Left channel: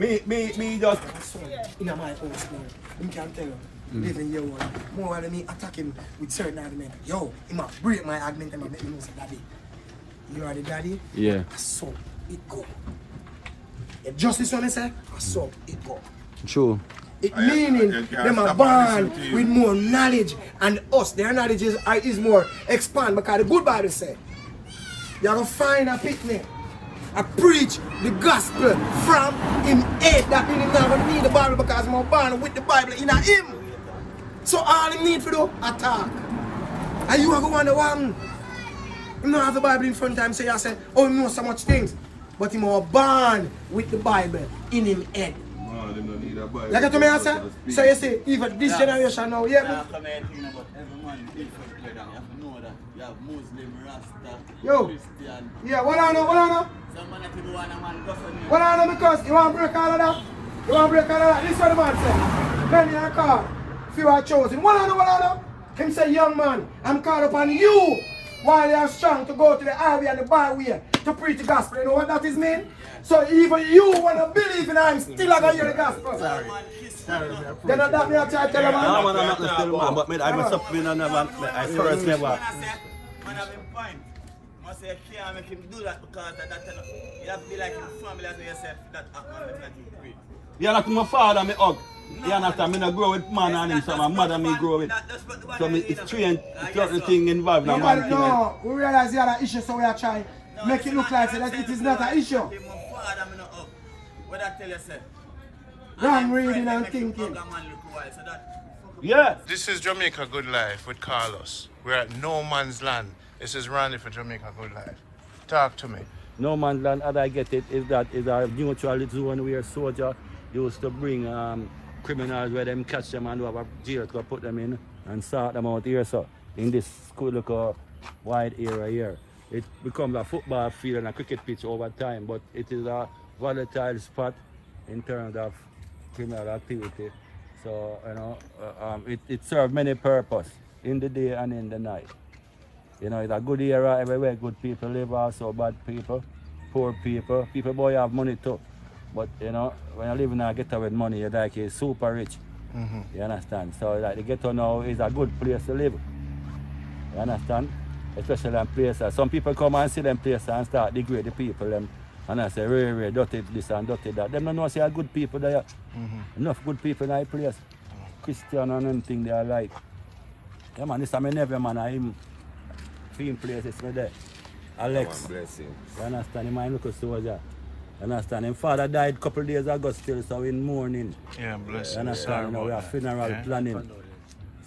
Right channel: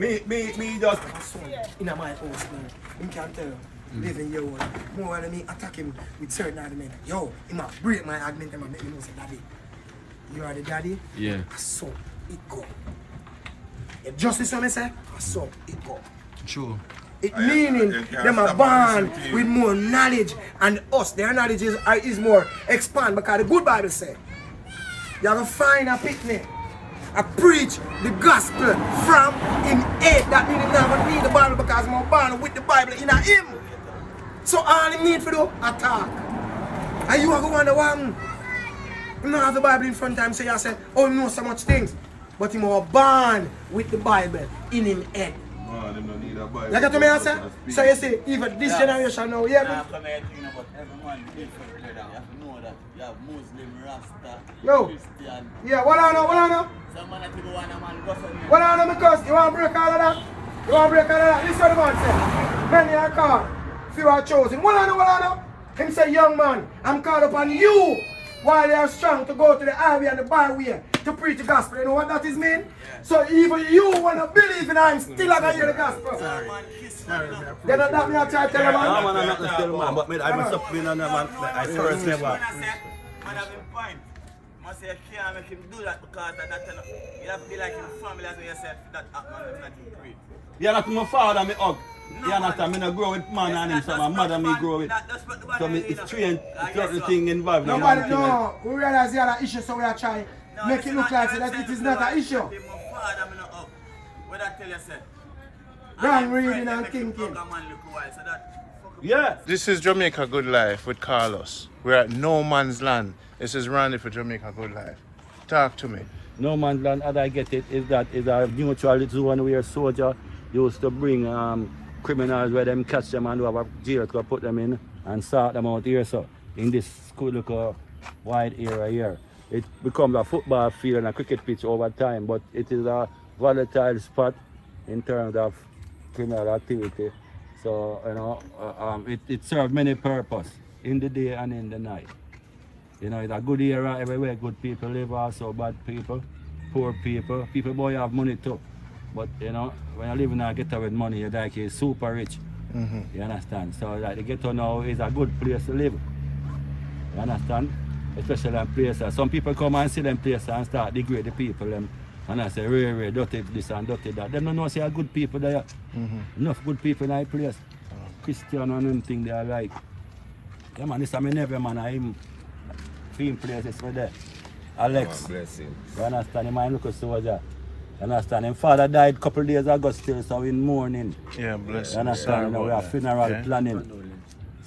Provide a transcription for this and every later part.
Me just in my house now. Him can tell you, living your one. More than me attack him with certain argument. Yo, he might break my argument and make me know say daddy. You are the daddy? Yeah. So it go. You just listen what I say? So it go. True. It meaning them are born with more knowledge and us, their knowledge is more expand because the good Bible say you have to find a picnic. I preach the gospel from him head. That means him never need the Bible because I'm born with the Bible in him. So all he need to do, attack. And you are going to wonder why him not have the Bible in front of him, so you say, oh, he knows so much things. But him was born with the Bible in him head. man, them don't need a Bible. You get to me answer? So you see, even this generation now, yeah, Come here thinking about everyone different, brother. You have to know that you have Muslim, Rasta, Yo. Christian. Yeah, what I know? Some man that you go on a man go for me. What I know because you want to break all of that? You want to break all of that? Listen what the man said. Many are called, few are chosen. What I know? Him say, young man, I'm called upon you while you are strong to go to the highway and the byway to preach the gospel. You know what that is mean? Yeah. So even you want to believe in I'm still going to hear the gospel. Then that me I try to tell you, man. I'm not still man, but me, I'm up you know, I first never. Man have him point. Man say you can't make him do that because that you have to be like in family as yourself that man is not you great. Yeah, like my father, me hug. Yeah, not that me not grow with man and him, so my mother me grow with. So me, it's strange, it's not the thing involved. Nobody know. We realize the other issue, so we are trying to make it look like that it is not an issue. What I tell you, sir? Wrong reading and thinking. Yeah. This is Jamaica Good Life with Carlos. We're at No Man's Land. This is Ronnie for Jamaica Good Life. Talk to me. No man's land, as I get it, is that is a neutral zone where soldier used to bring criminals where them catch them and have a jail to put them in and sort them out here. So in this little wide area here, it becomes a football field and a cricket pitch over time, but it is a volatile spot in terms of criminal activity. So you know, it serves many purposes in the day and in the night. You know, it's a good area everywhere. Good people live, also bad people, poor people. People boy have money too. But you know, when you live in a ghetto with money, you're like you're super rich. You understand? So like the ghetto now is a good place to live. You understand? Especially in places. Some people come and see them places and start degrade the people. And I say, really, dirty this and dirty that. They don't know say good people there. Enough good people in that place. Christian and anything they are like. Yeah man, this is my nephew man. I'm in places for there. Alex. Bless him. You understand? Him mind look a soldier. You understand? His father died a couple of days ago still, so in mourning. Yeah, bless You understand? You know, we have funeral planning.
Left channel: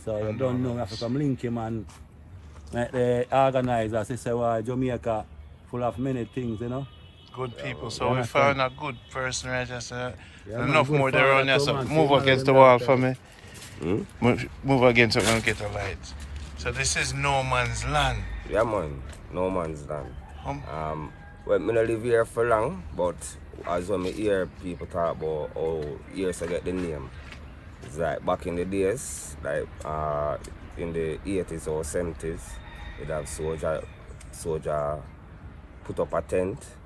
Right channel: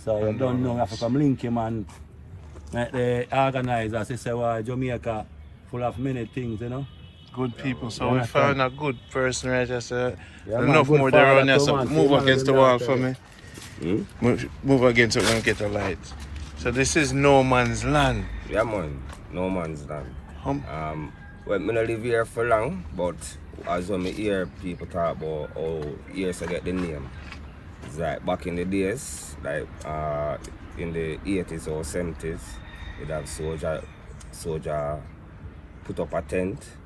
So you don't know, we have to come link him and make the organizers. They say, well, Jamaica full of many things, you know. Good people. So You we understand? found a good person right just Yeah, enough man, more good there father on there. to So man. move See, against the man, wall that, for me. Move against it when we get the light. So this is No Man's Land. Yeah man, No Man's Land. Well, I don't live here for long, but as when I hear people talk about how years I get the name, it's like back in the days, like in the 80s or 70s, you'd have soldier put up a tent.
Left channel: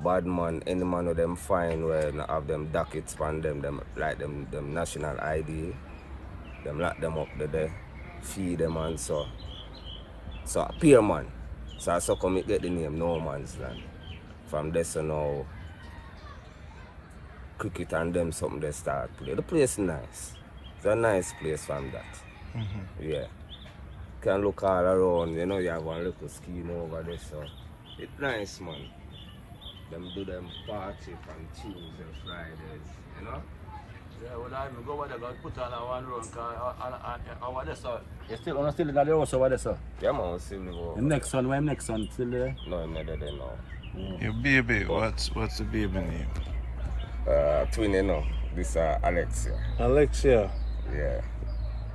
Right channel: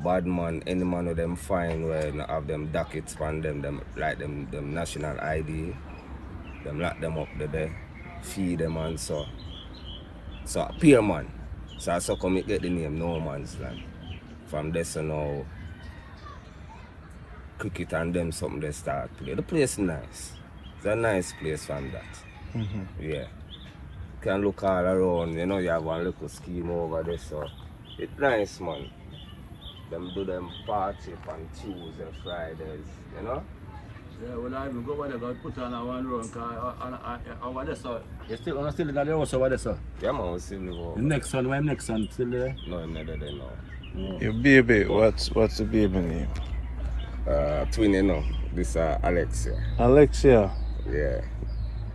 Bad man, any man of them find when have them dockets on them like them national ID, them lock them up there, feed them and so. So a peer man. So I so come get the name No Man's Land. From there so now cricket and them something they start play. The place is nice. It's a nice place from that. Yeah. You can look all around, you know, you have one little scheme over there, so it's nice man. Them do them party on Tuesday, Fridays, you know? Yeah, when I go when I go put on a one run and what is so? You still in the house over there, sir? Yeah man, we still live over. The next one, when next one still there? No, I'm not there now. Your baby, what's the baby name? Twin, you know. This Alexia. Alexia. Yeah.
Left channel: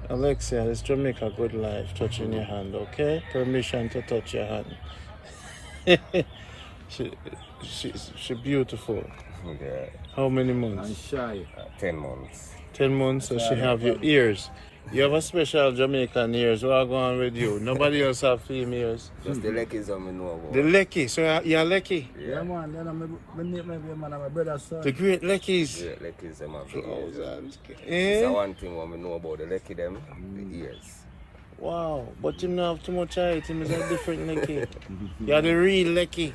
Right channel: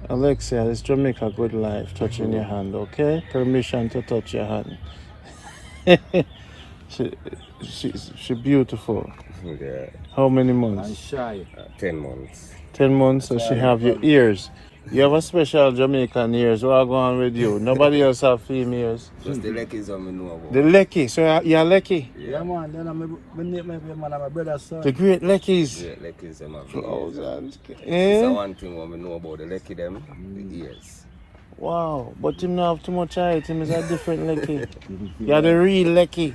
Alexia, it's Jamaica Good Life. Touching your hand, okay? Permission to touch your hand. She beautiful. Yeah. How many I'm months? shy. 10 months. 10 months, so she have your ears. You have a special Jamaican ears. What go on with you? Nobody else have females. Just the Leckies that I know about. The Leckie. So you're Leckie? Yeah, man. Then my brother's son. The great Leckies. Yeah, Leckies them have the Oh, ears. that's That's eh? one thing what I know about the Leckie them, the ears. Wow. But him not have too much height. Him is a different Leckie. You're the real Leckie.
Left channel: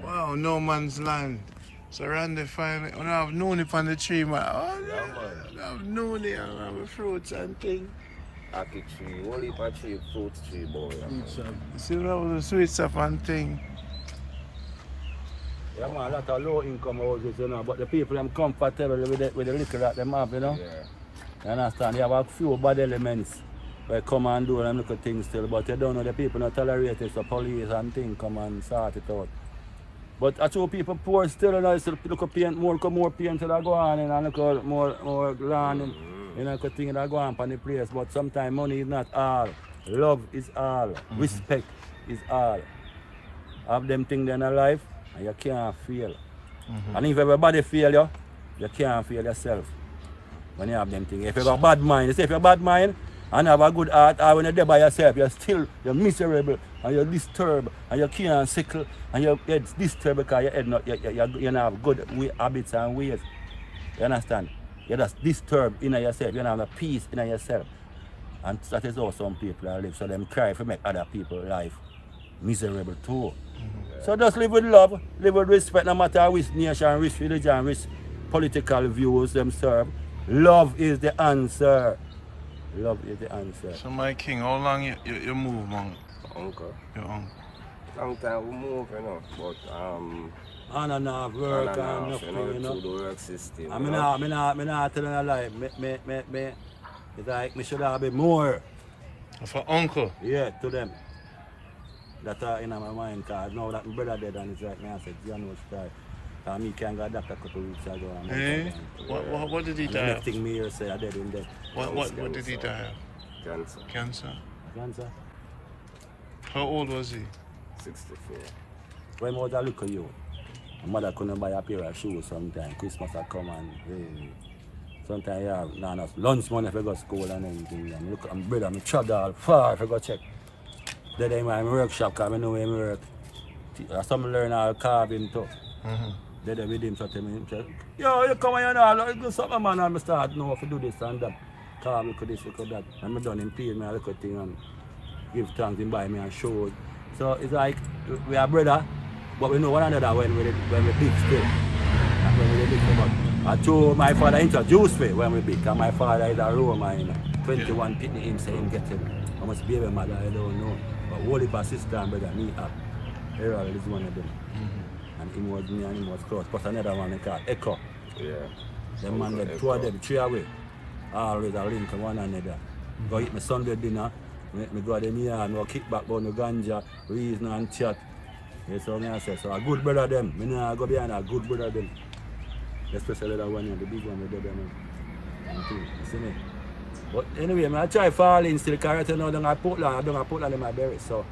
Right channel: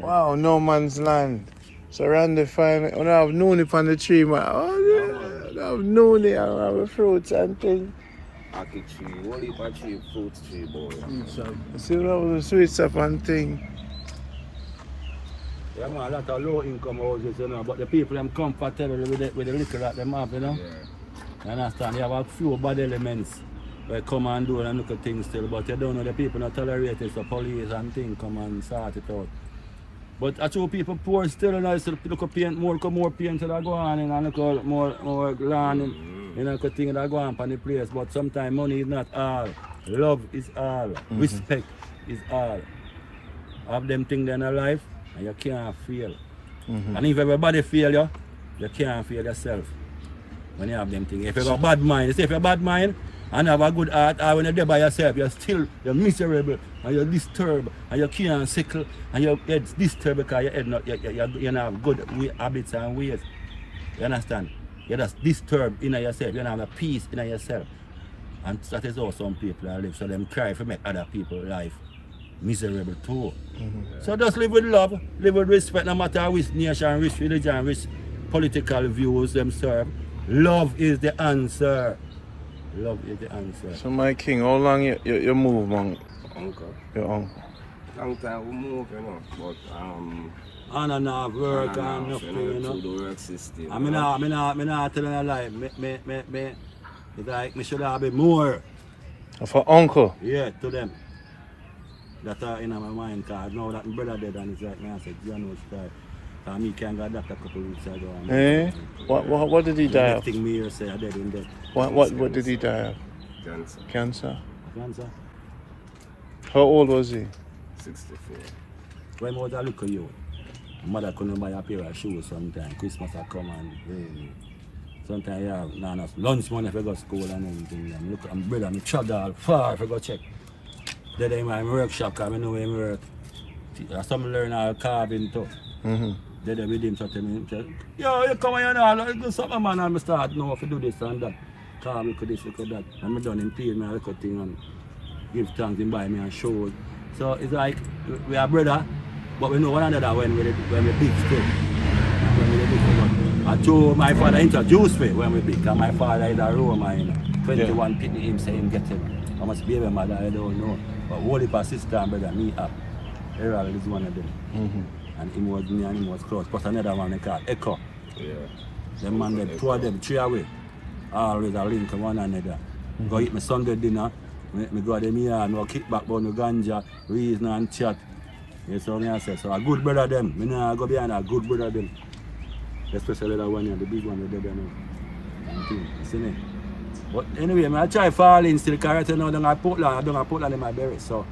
Wow, no man's land. So Randy find me. When I have known it on the tree, man. Oh, yeah. I've known it. I have fruits and things. Aki tree, whole heap of tree, fruit tree, boy. See what was the sweet stuff and thing. Yeah, man, a lot of low income houses, you know, but the people are comfortable with the liquor that they have, you know. Yeah. You understand? You have a few bad elements that come and do and little things still, but you don't know the people not tolerate it, so police and things come and sort it out. But I show people poor still, you know, so look at paint, more paint that go on, and look at more land, and you know, things that go on the place. But sometimes money is not all. Love is all. Respect is all. Have them things in your life, and you can't fail. And if everybody fail you, you can't fail yourself. When you have them things. If you have a bad mind, you say if you have a bad mind and have a good heart, or when you're there by yourself, you're miserable and you're disturbed and you can't sickle and your head's disturbed because your head not you don't have good habits and ways. You understand? You're just disturbed in yourself, you don't have a peace in yourself. And that is how some people are live. So them cry to make other people's life miserable too. So just live with love, live with respect, no matter which nation, which religion, which political views them serve. Love is the answer. Love is the answer. So my king, how long you move, man? Uncle. Your uncle. Long time we move, you know, but On and off work and off, nothing, you know. to the work system. I mean, I'm not telling a lie. It's like me should have been more. For uncle? Yeah, to them. That are in my mind, because now that my brother dead and it's like me, I said, John was tired. Me can go adapt a couple of weeks ago. Eh? What did he die of? The next thing me here say I dead in dead. What did he die of? Cancer. Cancer? Cancer? How old was he? 64. When I was a little youth, my mother couldn't buy a pair of shoes sometimes. Christmas had come and sometimes yeah, nah, enough lunch money if I go to school and anything. And look at my brother, I travel all far if I go check. Then in my workshop, because I know where I work. That's something learn all carving too. Then with him, so tell me, yo, you come here now, do something man, and I start know to do this and that. Carve, look at this, look at that. And I done him pay me a little thing and give thanks and buy me and show. So it's like, we are brother, but we know one another when we big still. When we big still. I told my father introduced me when we big, and my father is a Roma, you know. 21 pitney him say him get him. I must be a mother, I don't know. But whole heap of sister and brother, me up. Errol is one of them. And him was me and him was close. Plus another one they call Echo. Yeah. Them man, them two of them, three away. Always a link one another. Go eat my Sunday dinner. Me go to them here, me go kick back on the ganja, reason and chat. You see what I say? So a good brother them. Me nah go behind a good brother them. Especially that one here, the big one with them. You see me? But anyway, I try falling still because right now I don't put in my berries. So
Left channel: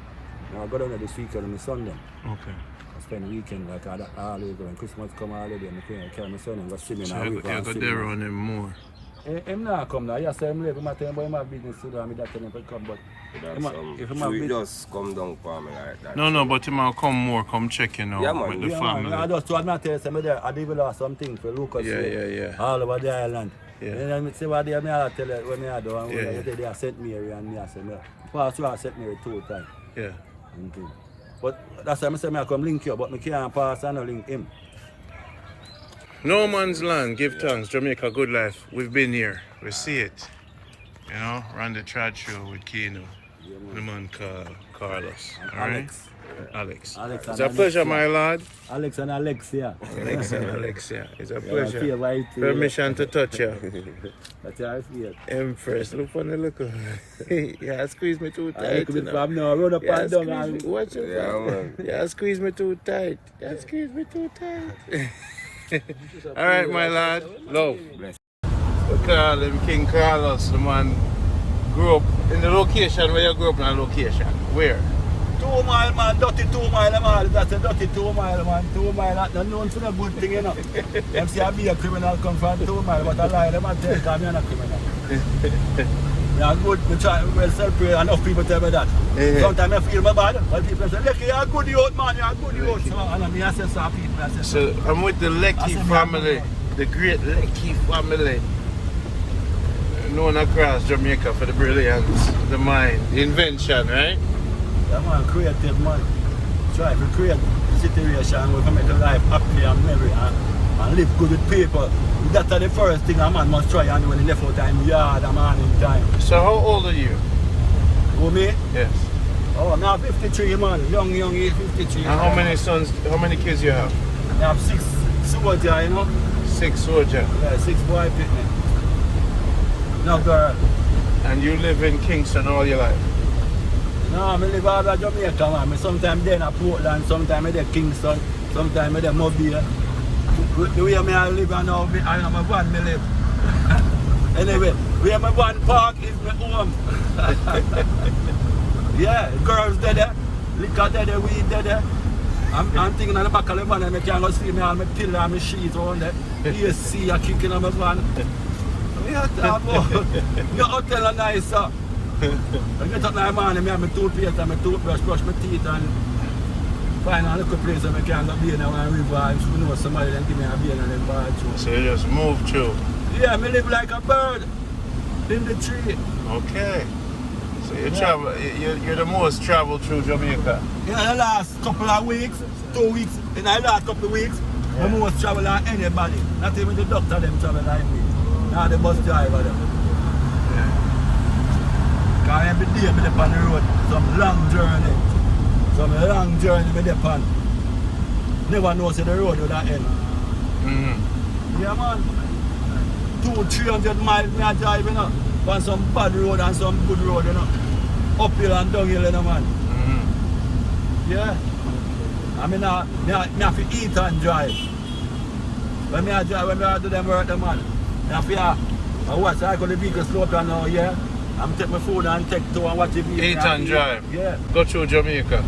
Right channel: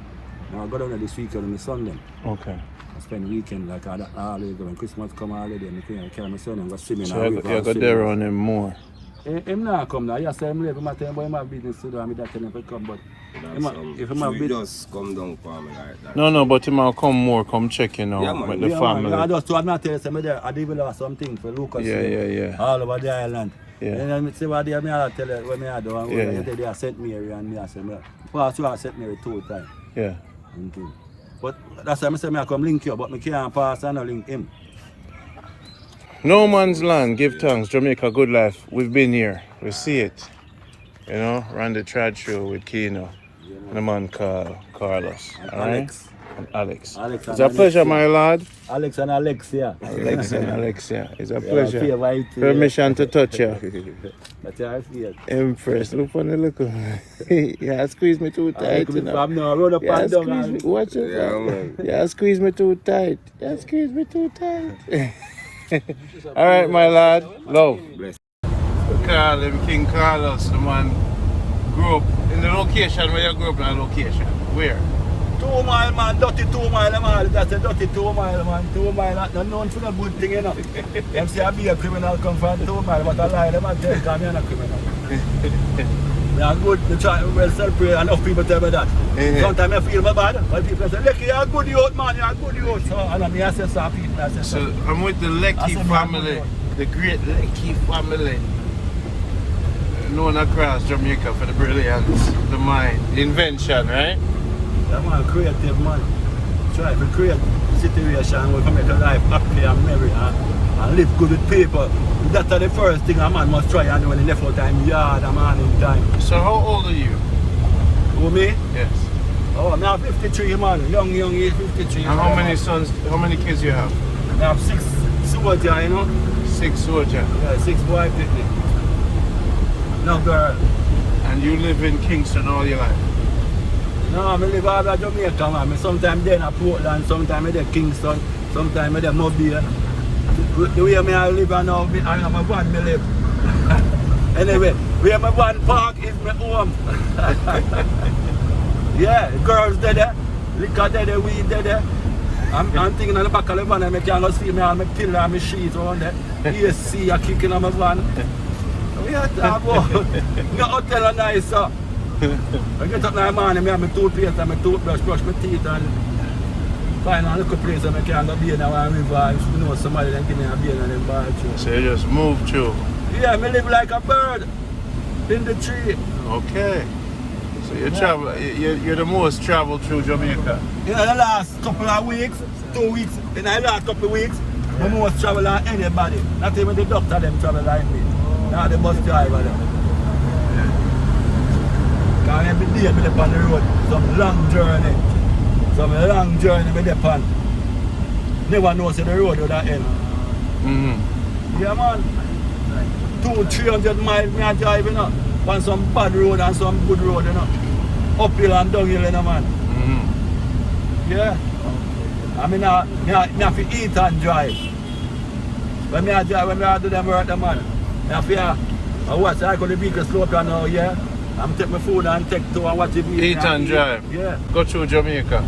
now I go down there this weekend on my Sunday. Okay. I spend the weekend like that always when Christmas come already and I carry my son and go swimming. So you go there on him more? Him not come now. Yes, I'm late. I'm telling him, but him have business to do and me that tell him to come. But if him have business... just come down for me like that. No, but him will come more, come check you know, Yeah, man. with the family. Man, I just told him to tell you, I did lost something for Lucas Yeah. all over the island. Yeah. And then I say what they tell you when I do and you say they are St. Mary and me I say pass you St. Mary 2 times. Yeah. But that's why I say I come link you, but I can't pass and no link him. No man's land, give thanks, Jamaica good life. We've been here, we see it. You know, ran the trad show with Kino and a man called Carlos. Alright? Alex. It's a pleasure, my lord. Alex and Alexia. Alex and Alexia. It's a pleasure. Favorite, Permission to touch you. But you are here. Empress, look on the look. Yeah, squeeze me too tight. I'm now run up and down. Watch it. Yeah, man. Yeah, squeeze me too tight. Yeah, squeeze me too tight. Alright, my lad. Love. Bless. Call him King Carlos, the man grew up in the location where you grew up in a location. Where? 2 mile, man, dirty 2 mile, man. That's a dirty 2 mile, man. 2 mile, that's not known for a good thing, you know. Them say I be a criminal come from 2 mile, but I lie, them I tell you, I'm not a criminal. We are good, we try, well, celebrate, enough people tell me that. Sometimes I feel my bad, but people say, Leckie, you're a good youth, man, you're a good youth. So, and I say, some people, I say, So I'm with the Leckie family, the great Leckie family, known across Jamaica for the brilliance, the mind, the invention, right? Yeah, man, creative, man. Try to create a situation where we make a life happy and merry and live good with people. That's the first thing a man must try and do when he left out time yard and man in time. So how old are you? Who, me? Yes. Oh, now 53, man. Young, 53. And how many sons, how many kids you have? I have 6 soldiers, you know. 6 soldiers. Yeah, 6 boys with me. No girl. And you live in Kingston all your life? No, I live out of Jamaica, man. Sometimes there in Portland, sometimes I'm in Kingston, sometimes I'm in Mobile. The way I live now, I am a one me live. Anyway, where my one park is my home. Yeah, girls there, liquor there, weed there. I'm thinking on the back of the van and I can't see me, I'm a pillar and my sheets on there. You see a kicking on my van. Yeah, no hotel are nice, sir. I get up in the morning, I have my toothpaste and my toothbrush, brush my teeth and find a little place where I can go beer now and river. If you know somebody then give me a beer and then buy it through. So you just move through? Yeah, I live like a bird in the tree. Okay. So you travel, you're the most traveled through Jamaica? In the last couple of weeks, 2 weeks, in the last couple of weeks, I most travel than anybody. Not even the doctor them travel like me. Now the bus driver them. Because every day I'm on the road, some long journey. Some long journey with the pan. Never know say the road will that end. Yeah man. 200-300 miles me I drive, you know. On some bad road and some good road, you know. Uphill and downhill, you know, man. Yeah. I mean, I have to eat and drive. When I drive, when I do them work, man. I have to watch, I go the vehicle slow down now, yeah. I'm take my food and take to and watch the vehicle. Eat and drive? Yeah. Go through Jamaica?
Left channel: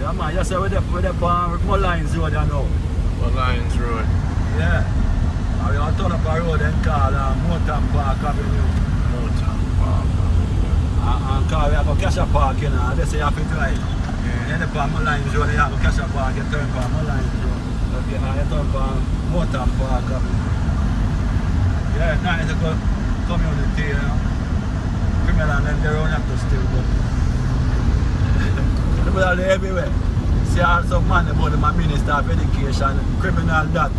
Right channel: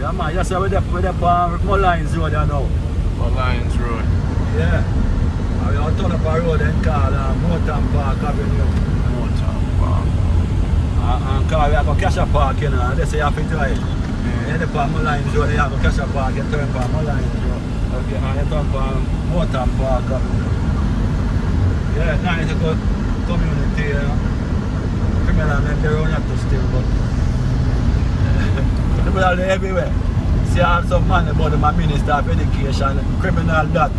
Yeah, man. Yes, we're there on Lines Road, you know. Lines Road? Yeah. I'll turn up a road and call Mountain Park Avenue. And call we have a Cassia Park, you know, and they say you have to drive. Yeah, the Palm Lines Road, you have a Cassia Park, you turn Palm Lines Road. Okay, and you turn Palm Mountain Park Avenue. Yeah, now it's a good community, you know. Criminal and they're on up to still, but people are everywhere. See, I have some man about my Minister of Education, criminal that.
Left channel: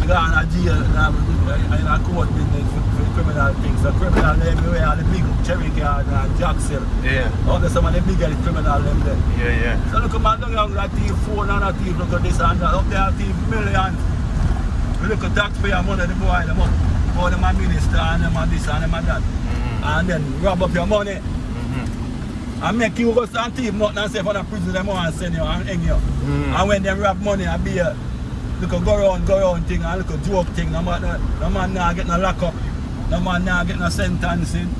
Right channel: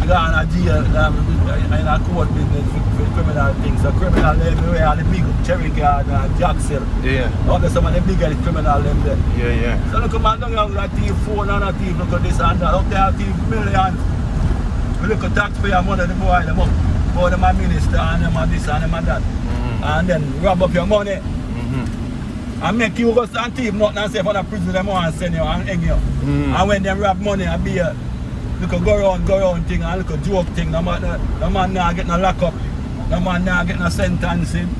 I got in a jail in a court business with criminal things. So criminal everywhere, the big Cherry Garden and Jackson. Yeah. All the some of the biggest criminal them there. Yeah, yeah. So look at man down here that thief phone and a thief, look at this and that. Up there thief millions. We look at taxpayer money, the boy them up. Go to my minister and them and this and them and that. And then rob up your money. And make you go and thief nothing and say for the prison them want to send you and hang you. And when them rob money and be a look a go around thing and look a joke thing, no man now get no lock up, no man now get no sentencing.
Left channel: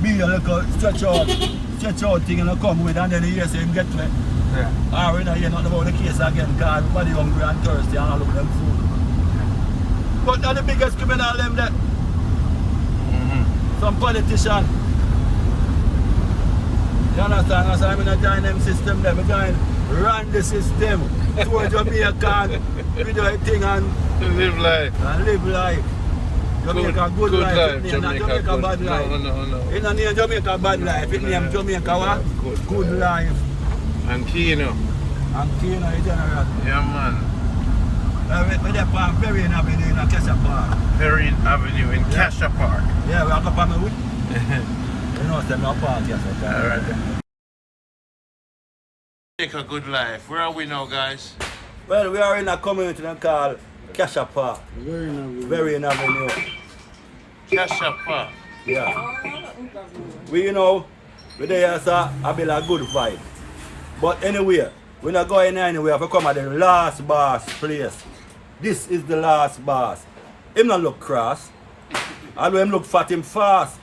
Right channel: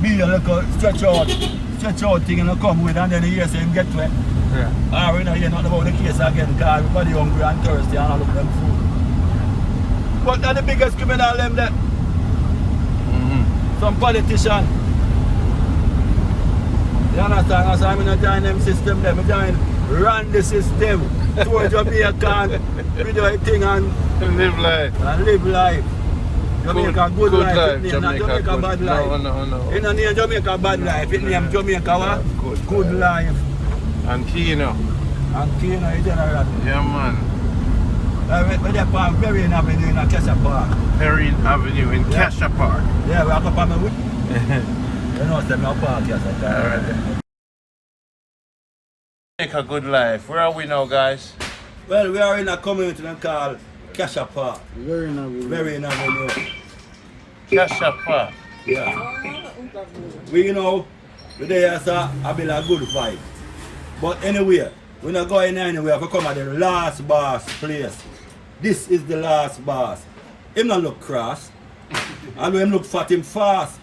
Be a little stretch out thing and come with and then you hear say him get to it. Yeah. Or you know hear nothing about the case again because everybody hungry and thirsty and all look them food. But they're the biggest criminal them there. Some politician. You understand? I'm going to join them system there. I run the system for Jamaica, we do a thing and live life. Jamaica good life. Jamaica bad life. No. It don't name Jamaica bad life. It name Jamaica what? Good life. And Kino. And Kino in general. Yeah man. We're there on Berrien Avenue in Cassia Park. Berrien Avenue in Cassia Park. Yeah, we're up on my wood. You know, it's a park, yes. Alright. Make a good life. Where are we now, guys? Well, we are in a community called Cassia Park. Berrien Avenue. Cassia Park. Yeah. We know, we're there as a bit of good vibe. But anyway, we're not going anywhere. We come at the last boss place. This is the last boss. Him not look cross. Although him look fat, him fast.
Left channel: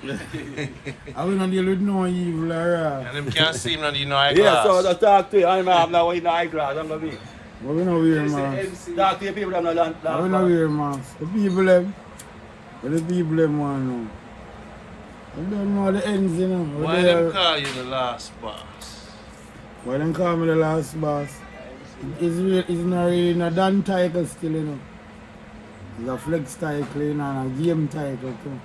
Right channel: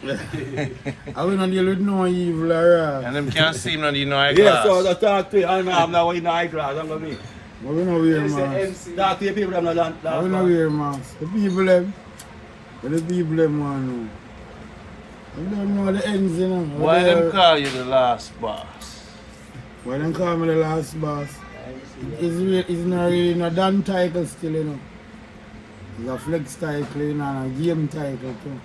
I will not deal with no evil or And them can't see him not in no eye Yeah, glass. so I talk to you. I'm not wearing eyeglass. I'm not me. But we not wear mask. Talk to you people. I'm not. I will not wear mask. The people them. But the people them want to know. I don't know the ends, you know. Why them call you the last boss? Why them call me the last boss? It's not really a done title still, you know. It's a flex title, you know, and a game title too.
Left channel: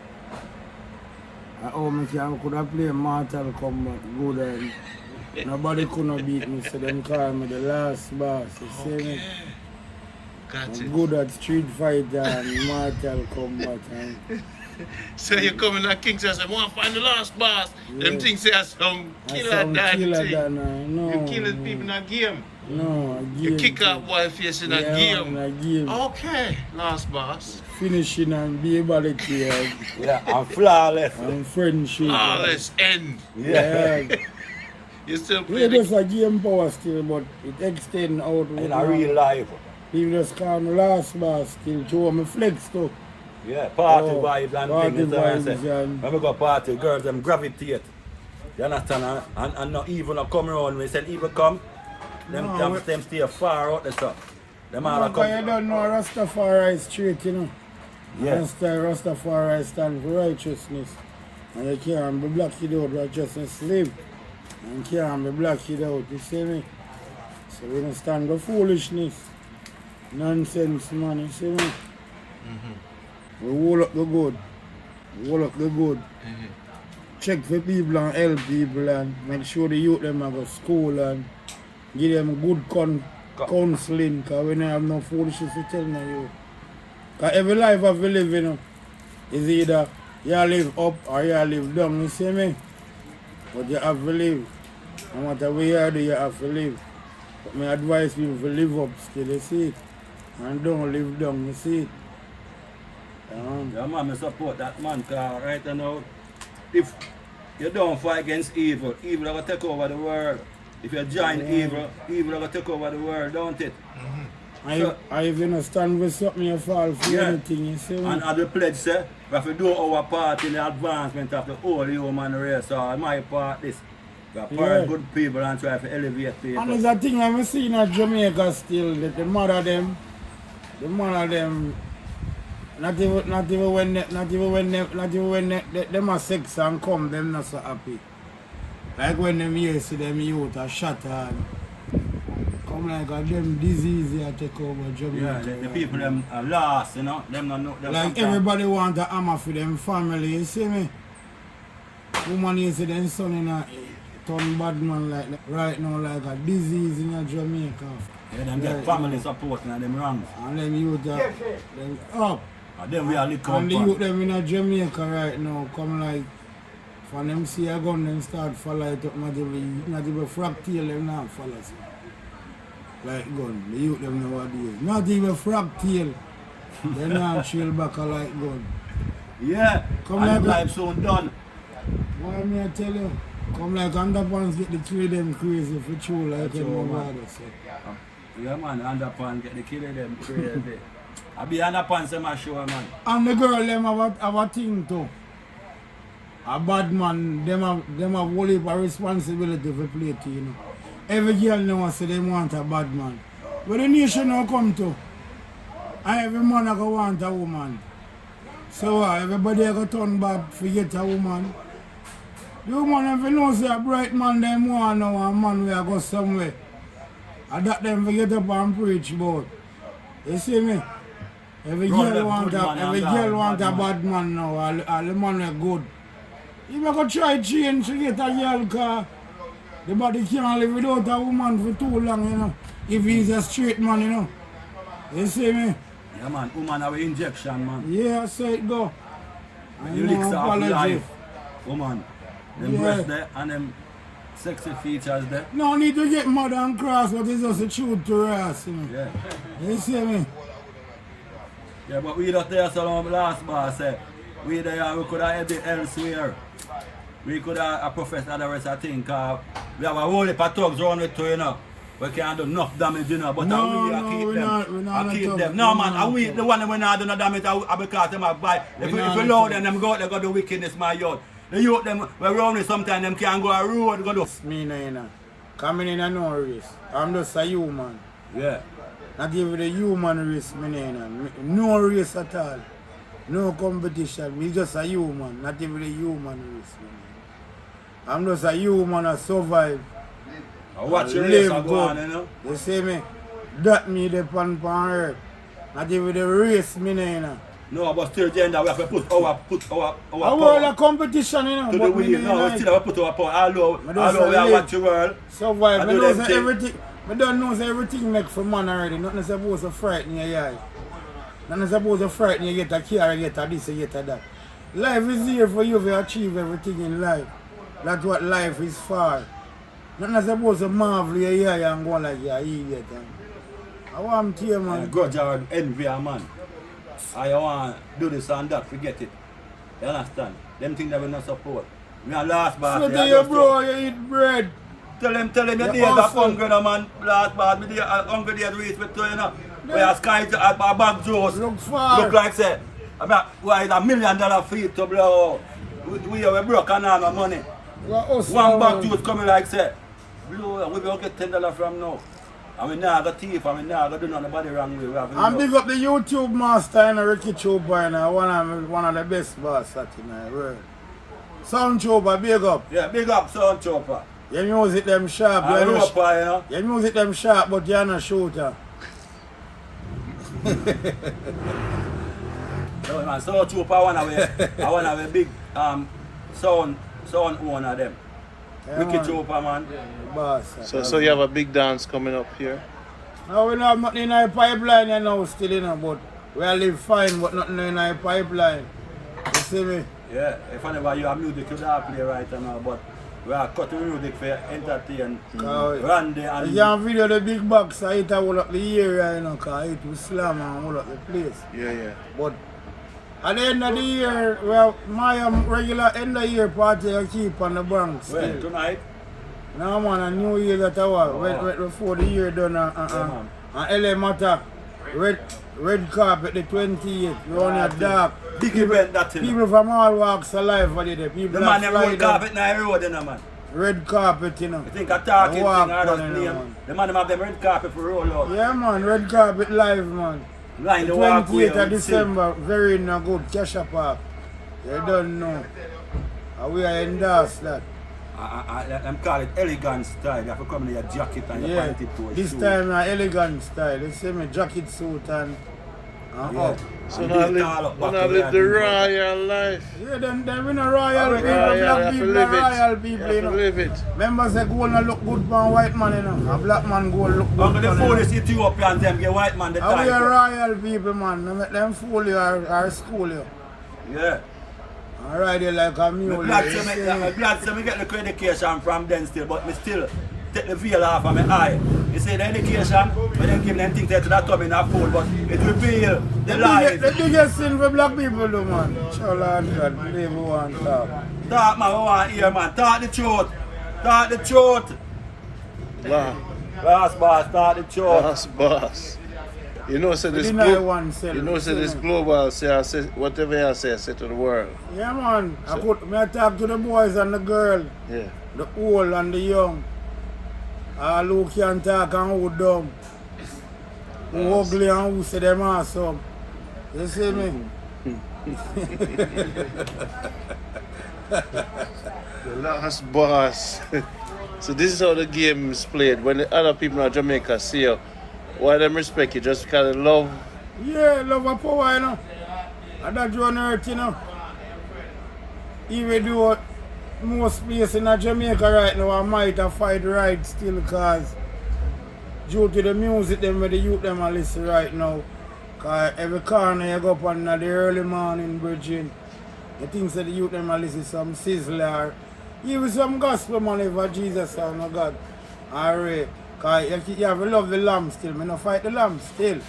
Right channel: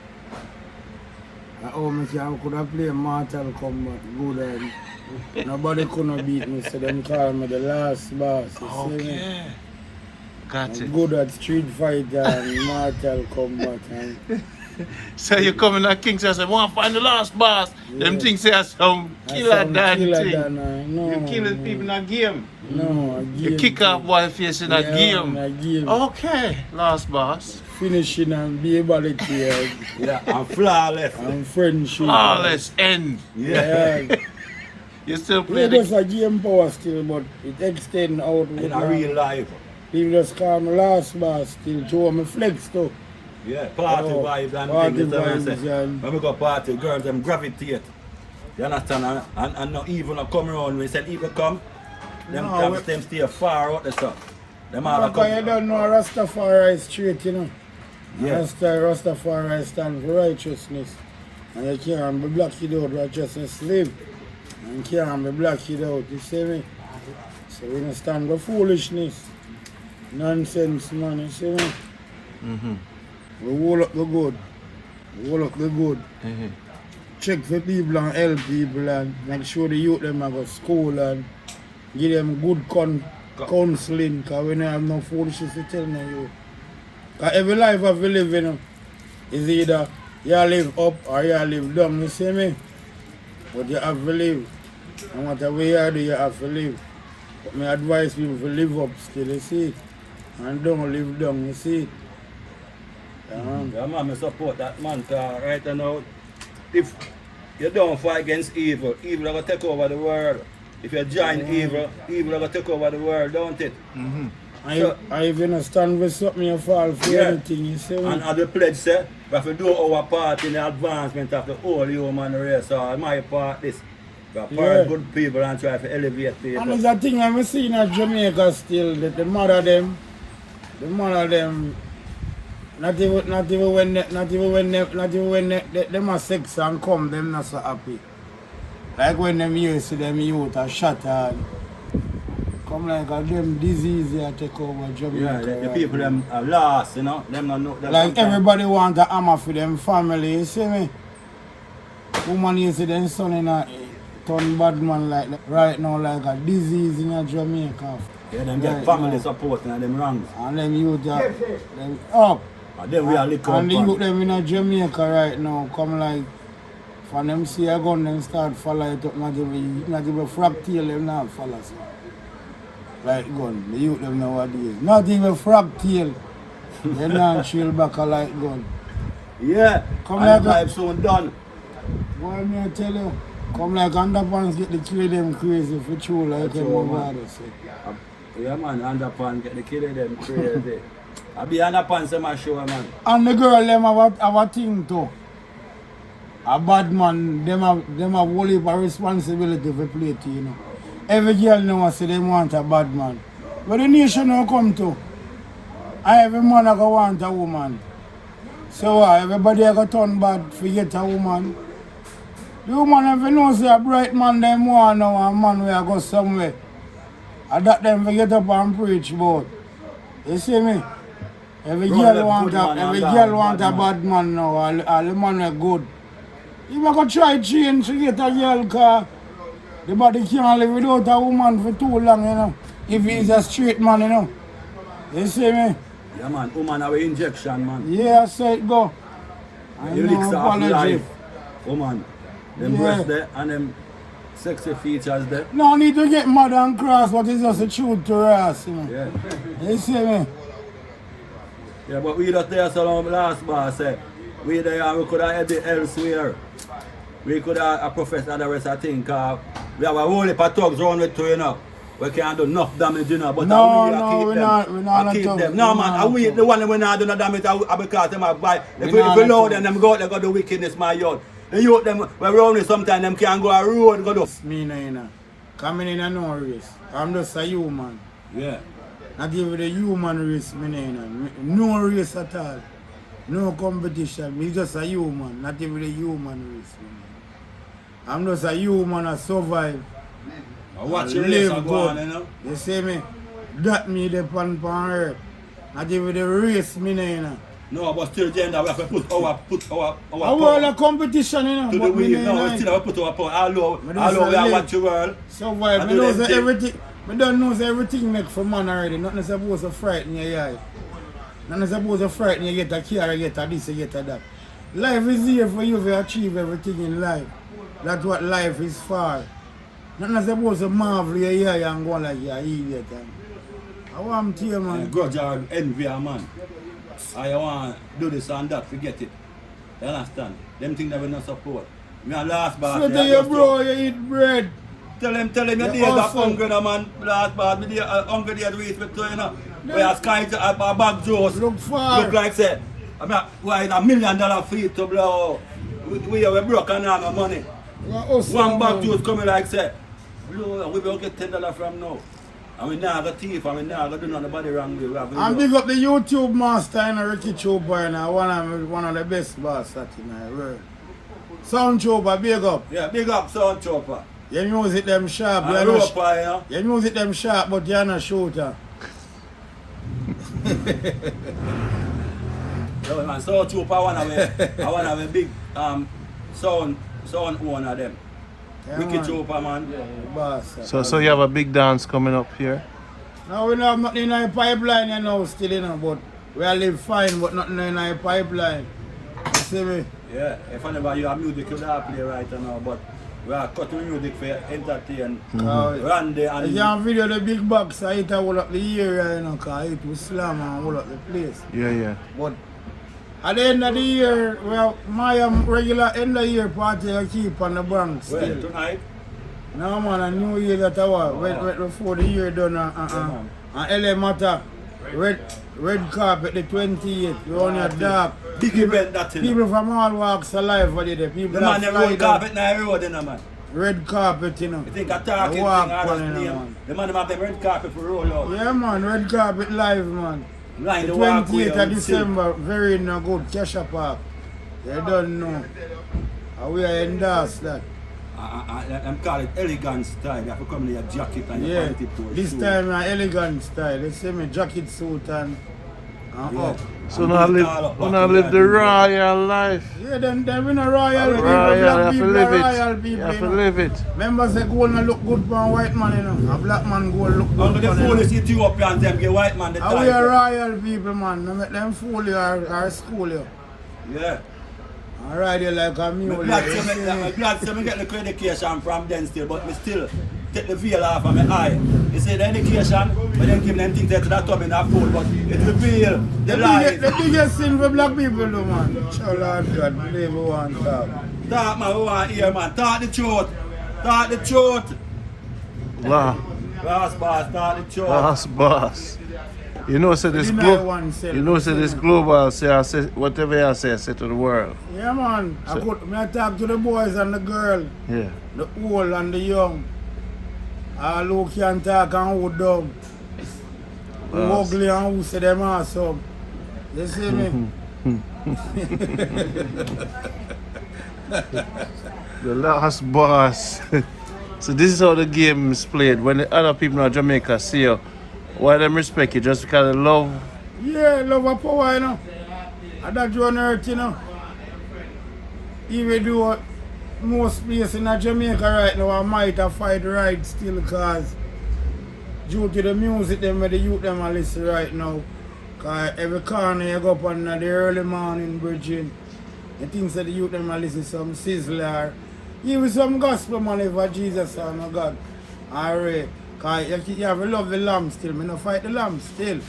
I could have played Mortal Kombat good and nobody couldn't beat me, so them call me the last boss. You see me? Got it. I'm good at Street Fighter and Mortal Kombat. And So you come in at Kingston and say, want to find the last boss. Them things say some killer than thing. No, You kill people in a game. No, a game. You kick off boy face in a game. In a game. Okay, last boss. Finishing and be able to Yeah, I'm flawless. and friendship. Flawless end. Yeah. You still Yeah, play there's the... a game power still, but it extend out with In a real life. People just call me last boss still, show me flex too. Yeah, party Oh, vibes and party things, vibes and- when we go party, girls them gravitate. You understand? And not evil not come around. When we say evil come, them No, them stay far out the stuff. Them all are Because you come. don't know Rastafari is straight, you know. Yeah. Rastafari stand for righteousness. And you can't be blocked out righteousness live. And you can't be blocked out, you see me? So we don't stand for foolishness. Nonsense, man, you see me? We hold up the good. We hold up the good. Check for people and help people and make sure the youth them go to school and give them good counseling, because we don't have no foolishness to tell no youth. Because every life of we live, you know, is either you live up or you live down, you see me? But you have to live. No matter where you do, you have to live. But my advice people to live up still, you see it? And don't live down, you see it? Yeah, man, I support that man, because right now, if you don't fight against evil, evil will take over the world. If you join evil, evil will take over the world, don't it? I even stand with something you fall for anything, you see me? And as the pledge say, we have to do our part in the advancement of the whole human race. So my part this. We are part good people and try to elevate people. And there's a thing I'm seeing at Jamaica still, that the mother them, not even when them are sex and come, them not so happy. Like when them hear see them youth are shot and come like a them disease here take over Jamaica. Yeah, the people them are lost, you know. Them not them like everybody want a hammer for them family, you see me? Woman you see them son in a turn bad man like right now like a disease in Jamaica. Yeah, them get family support and them runs. And them youth are them up. And then we are little And the youth them in Jamaica right now come like for them see a gun them start follow it up, not even frog tail them not follow so. Like gun, the youth them nowadays. Not even frog tail. They not chill back a like gun. Yeah, Come and like life soon done. What me I tell you? Come like underpants get the kill them crazy for true like my father say. Yeah man, underpants get the kid of them crazy. I be underpants in my show man. And the girl them have a thing too. A bad man, them have whole heap of responsibility for play to, you know. Every girl know say they want a bad man. But the nation now come to. Every man go want a woman. So everybody go turn bad for get a woman. The woman if you know say a bright man them want now a man where go somewhere. And that them for get up and preach about. You see me? Every girl want a bad man now, all the man are good. If I go try change to get a girl car, the body can't live without a woman for too long, you know. If he's a straight man, you know. You see me? Yeah man, woman have an injection man. Yeah, say it go. The licks of life. Woman, them breasts there and them sexy features there. No need to get mad and cross, but it's just a truth to us, you know. Yeah. You see me? Yeah, but we don't tell some last boss say, we there we could have had elsewhere. We could have a professor and the rest of things. We have a whole heap of thugs around the two, you know. We can't do enough damage, you know, but No, we no, keep we them. not- we not I keep at them. all. No, We man, not I we at the one we not do no damage because them have buy. If we not at load all. them go out, they go do wickedness, my yard. The youth them, when round it sometimes, them can't go a road, go do. Me no, you know. Coming in a no race. I'm just a human. Yeah. I give you the human race, me no, you know. No race at all. No competition. Me just a human. Not even the human race, me no. I'm just a human I survive. I watch I your race live and go good. on, you know. You see me? That me the pan earth. Not even the race, me no, you know. No, but still gender, we have to put our I want a competition, you know. to the But me wheel. no, No, we like, still have to put our power. Although Me we just are live. watch the world. survive. I I do know them say thing. everything. I don't know say everything make for man already. Nothing supposed to frighten you, yeah. Nothing supposed to frighten you, get a car, get a this, get a that. Life is here for you to achieve everything in life. That's what life is for. Nothing supposed to marvel you, yeah, and go like you're an idiot. I want to hear, man. Grudge or envy a man. I want to do this and that, forget it. You understand? Them things that we not support. We are last bar. Say to your bro, you eat bread. Tell him your You days of hustle. hungry, no, man. Last bar, me day hungry days reach with you, know. We are sky to a bag juice. Look far. Look like say, why $1 million fee to blow. We are broke and all our money. You are hustle, One bag man. juice coming like say, blow, we will get $10 from now. And we now got thief and we now got do nobody wrong way. We have to And do. big up the YouTube master and Ricky Chopper and one of the best boss that in the world. Sound Chopper, big up. Yeah, big up Sound Chopper. Your music them sharp, And you're not, Roper, you know. your music them sharp, but you're not shooter. No, man, Sound Chopper I want to big sound one of them. Yeah, Leckie man. Chopper, man. The boss. So you have a big dance coming up here? Now we don't have nothing in our pipeline you know, still, you know, but we all live fine, but nothing in our pipeline. You see me? Yeah, if whenever you have music, you don't play right now, but we are cutting music for entertain. Randy I and can video the big box, I hit hold up the area, you know, because it will slam and hold up the place. Yeah. But at the end of the year, well, my regular end of year party I keep on the Bronx well, still. tonight. No man, a New Year that I was, right before the year done, man. and LA Matter, red carpet the 28th, we only a dark. Big event that, you know. People from all walks of life are there, people The that man that fly road down, carpet now road, you know, man. red carpet, you know. You think I talking thing, walk I just on it, name. man. The man them have them red carpet for roll out. Yeah man, red carpet live man. Line The the walkway 28th of December, very no good, Kesha Park. You don't know. And we are endorse that. I'm calling it elegant style. You have to come in your jacket and your Yeah, panty for this time an elegant style. You see me jacket suit and up. So now live the royal life. Yeah, then we no royal people, black people are royal people, you know. Live it. Members say gold no look good for a white man, you know. A black man gold look good Under for the them. phone, you see two up here and them get white man the And we are time. royal people, man. No make them fool you or school you. Yeah. I ride you like a mule. I'm glad you to see me? me get the education from them still, but me still take the veil off of my eye. You see the education, when they give them things that come in a pool, but it will reveal the lies. The biggest sin for black people, though, man. Oh, Lord God, believe we want to talk. Talk, man, we want to hear, man. Talk the truth. Talk the truth. Wow. Rasta, talk the truth. Boss. You know, say We this deny global, oneself. you know, say you this see me? global, say whatever I say to the world. Yeah, man. I talk to the boys and the girl, Yeah. the old and the young. All who can talk and who dumb. Who ugly and who say them awesome. You see me? The last boss. So this is how the game is played. When the other people in Jamaica see you, why them respect you just because of love. Yeah, love and power, you know. And that you on earth, you know. Even though most places in Jamaica right now, I might have fight right still because due to the music them where the youth them are listen right now. Cause every corner you go up on the early morning bridging, the things that the youth them are listen some sizzler, even some gospel money for Jesus or no God. Alright. Cause you have to love the lamb still. Me no fight the lamb still.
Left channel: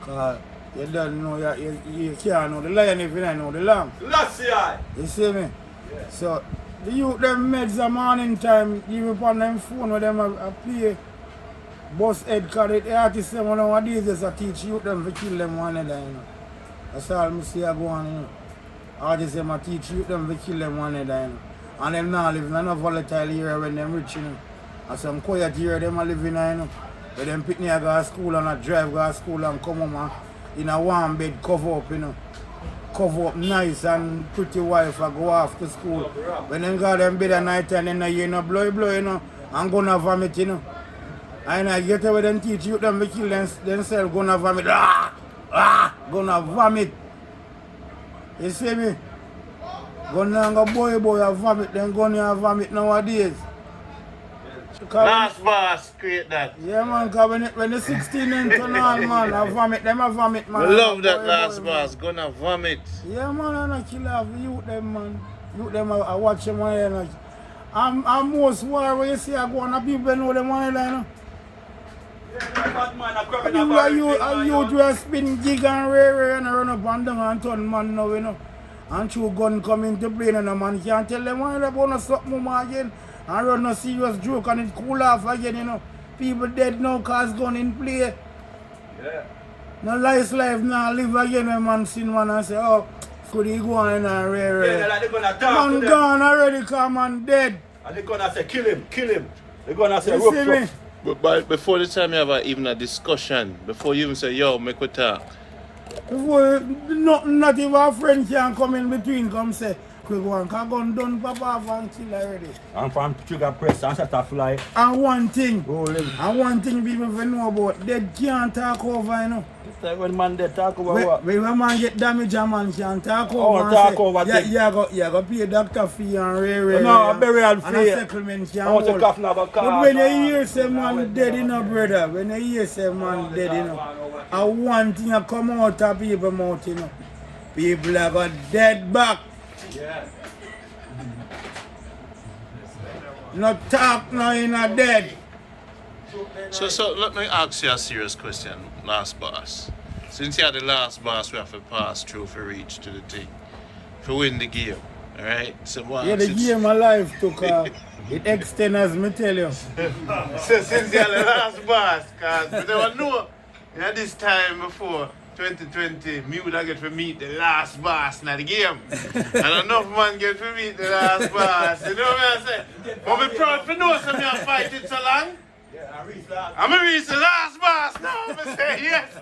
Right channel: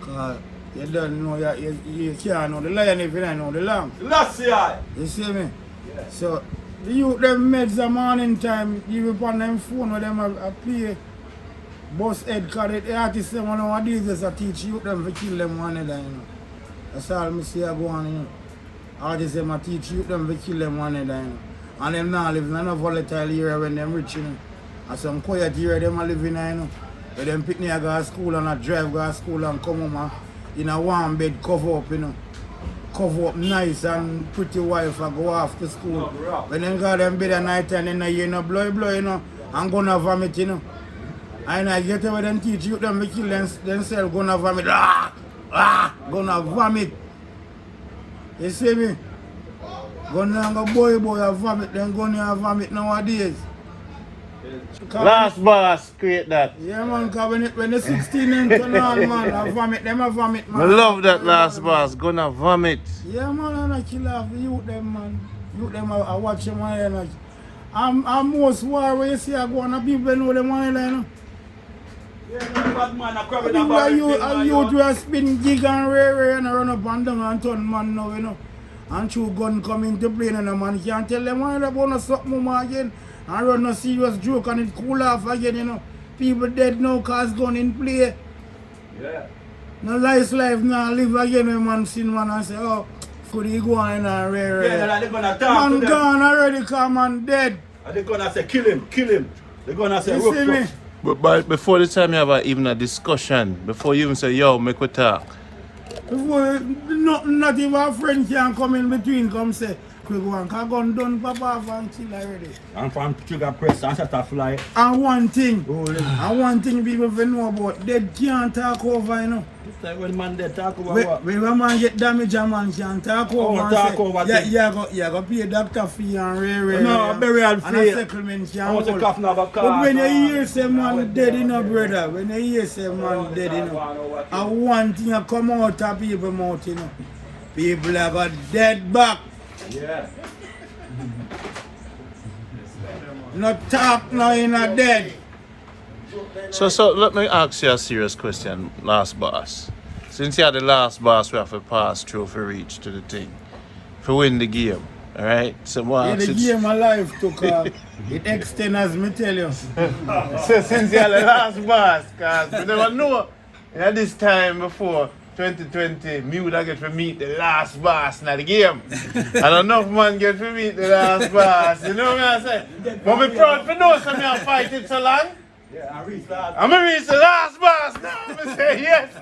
Cause you don't know you can't know the lion if you don't know the lamb. Last year. You see me? Yeah. So the youth them meds the morning time, even upon them phone with them a play Boss Ed Carrot, the artist them nowadays just a teach you them to kill them one another, you know. That's all I see I go on, you know. Artists them a teach you them to kill them one another, you know. And them now live in a volatile area when them rich, you know. And some quiet area them a live in, you know. Where them pick me a go to school and a drive go to school and come home in a warm bed cover up, you know. Cover up nice and pretty wife and go off to school. When them go them bed at night and then you know blow, you know, and gonna vomit, you know. And I get away them teach you them to kill themselves gonna vomit. Gonna vomit. You see me? Gonna go boy a vomit, then gonna vomit nowadays. Last boss create that. Yeah man, cause when the 16 and turn on man, I vomit, them a vomit man. I love that last boss, gonna vomit. Yeah man, and I kill off the youth them man. Youth them I watch them and I'm most war where you see I go on a people know them one, you know. People are youth who spin gig and rare and run up and down and turn man now, you know. And through gun come into play and a man can't tell them why they want to stop more again and run a serious joke and it cool off again, you know. People dead now cause gun in play. Yeah. No life now live again when man seen one and say, oh, could he go on and rare. Yeah, they're gonna talk Man to gone them. already, come man dead. And they're gonna say kill him. They're gonna say You see me? But before the time you have even a discussion, before you even say, yo, make we talk. Before not even a friend can come in between, come say, quick one, cause gun done pop off and kill already. And from trigger press and set a fly. And one thing people will know about, they can't talk over, you know. It's like when man they talk about what? When a man get damaged, a man can talk over and talk say, over you go pay a doctor fee and rare. No, a burial and a fee. settlement can How much hold. a coffin of a car? But when you hear say man dead, you know, brother, when you hear say man dead, you know, and one thing a come out of people's mouth, you know, people have got dead back. Yeah. Not talk now in a dead. So let me ask you a serious question, last boss. Since you're the last boss, we have to pass through for reach to the thing. For win the game. Alright? So Yeah, the game of life took it extend as me tell you. So since you're the last boss, cause we never know at this time before 2020, me would have get to meet the last boss in the game. And enough man get to meet the last boss. You know what I'm saying? But me proud for know something I'm fighting so long. I'm gonna reach the last boss now. I'm gonna say yes.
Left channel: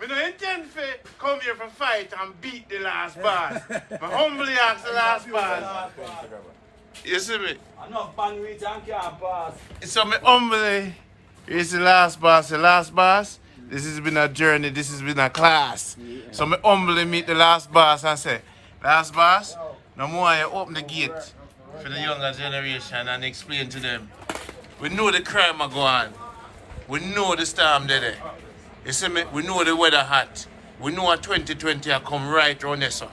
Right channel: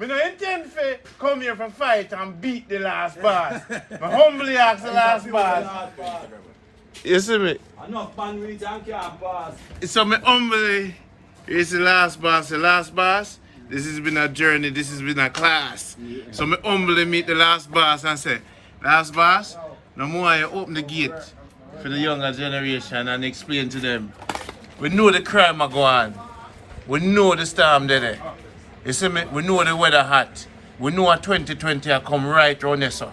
I don't intend to come here for fight and beat the last boss. I humbly ask the last boss. You see me? Enough man reach and can't pass. So me humbly is the last boss. The last boss, this has been a journey, this has been a class. So me humbly meet the last boss and say, last boss, no more you open the gate for the younger generation and explain to them. We know the crime are going. We know the storm there. You see me? We know the weather hot. We know a 2020 will come right around there, sir.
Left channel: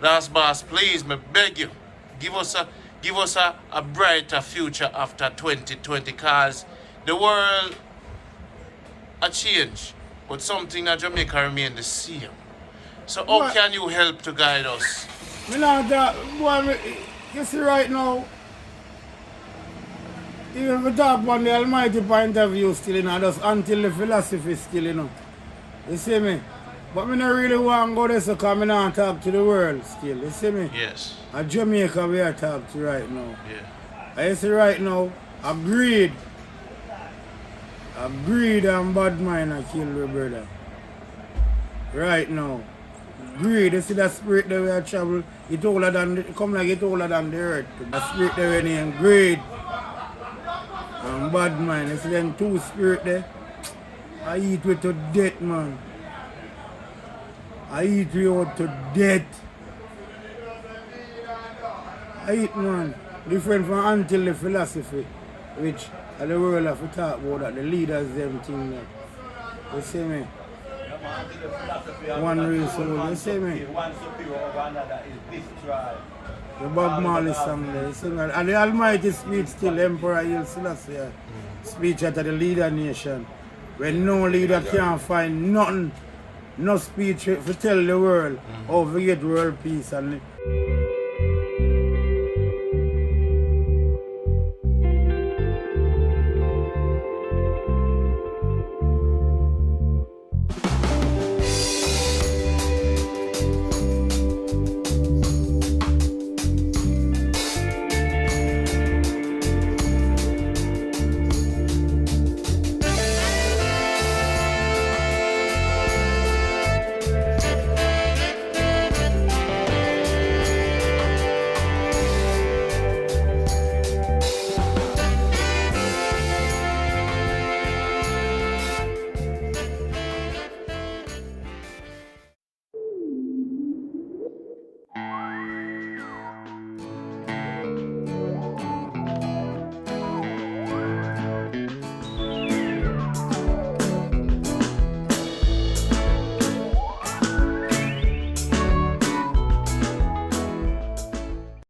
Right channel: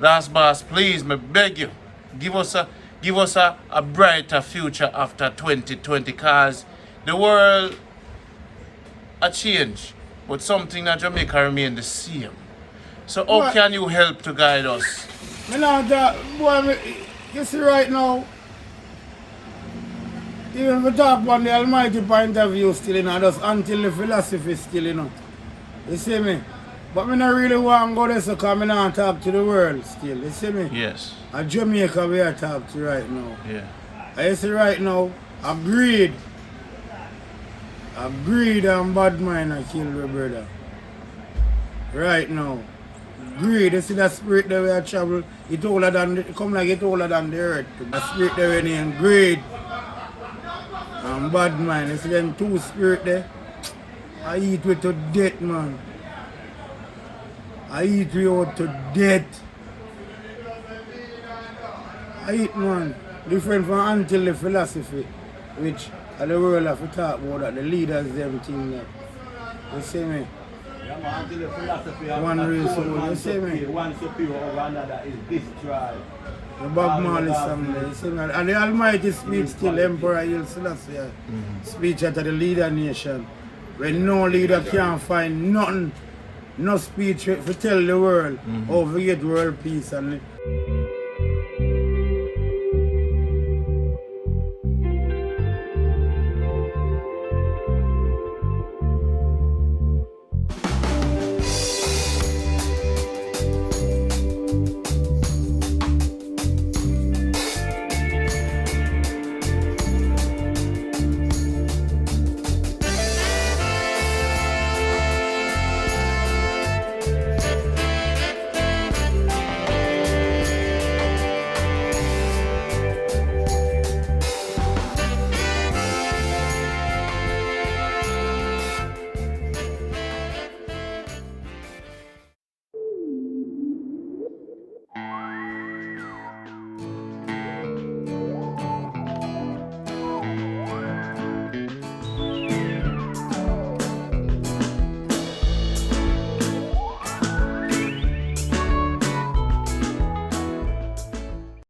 Last boss, please, me beg you, give us a brighter future after 2020, cause the world a change, but something in Jamaica remain the same. So how can you help to guide us? You see right now, even if we talk about the almighty point of view still, you know, just until the philosophy still, you know. You see me? But I don't really want to go there so because I don't talk to the world still, you see me? Yes. And Jamaica we are talking to right now. Yeah. I see right now, a greed and bad mind I kill the brother. Right now. Greed, you see that spirit that we are travel, it older than the earth. The spirit that we name greed and bad mind. You see them two spirit there. I eat with to death, man. I eat with out to death. I eat, man. Different from until the philosophy, which the world have to talk about that, the leaders them thing that. You see me? One race soul, you see me? One superior over another is destroyed. The Bob Marley song there, you see me? And the Almighty speech still, Emperor Haile Selassie speech at the leader nation. When no leader can't find nothing, no speech to tell the world how to get world peace and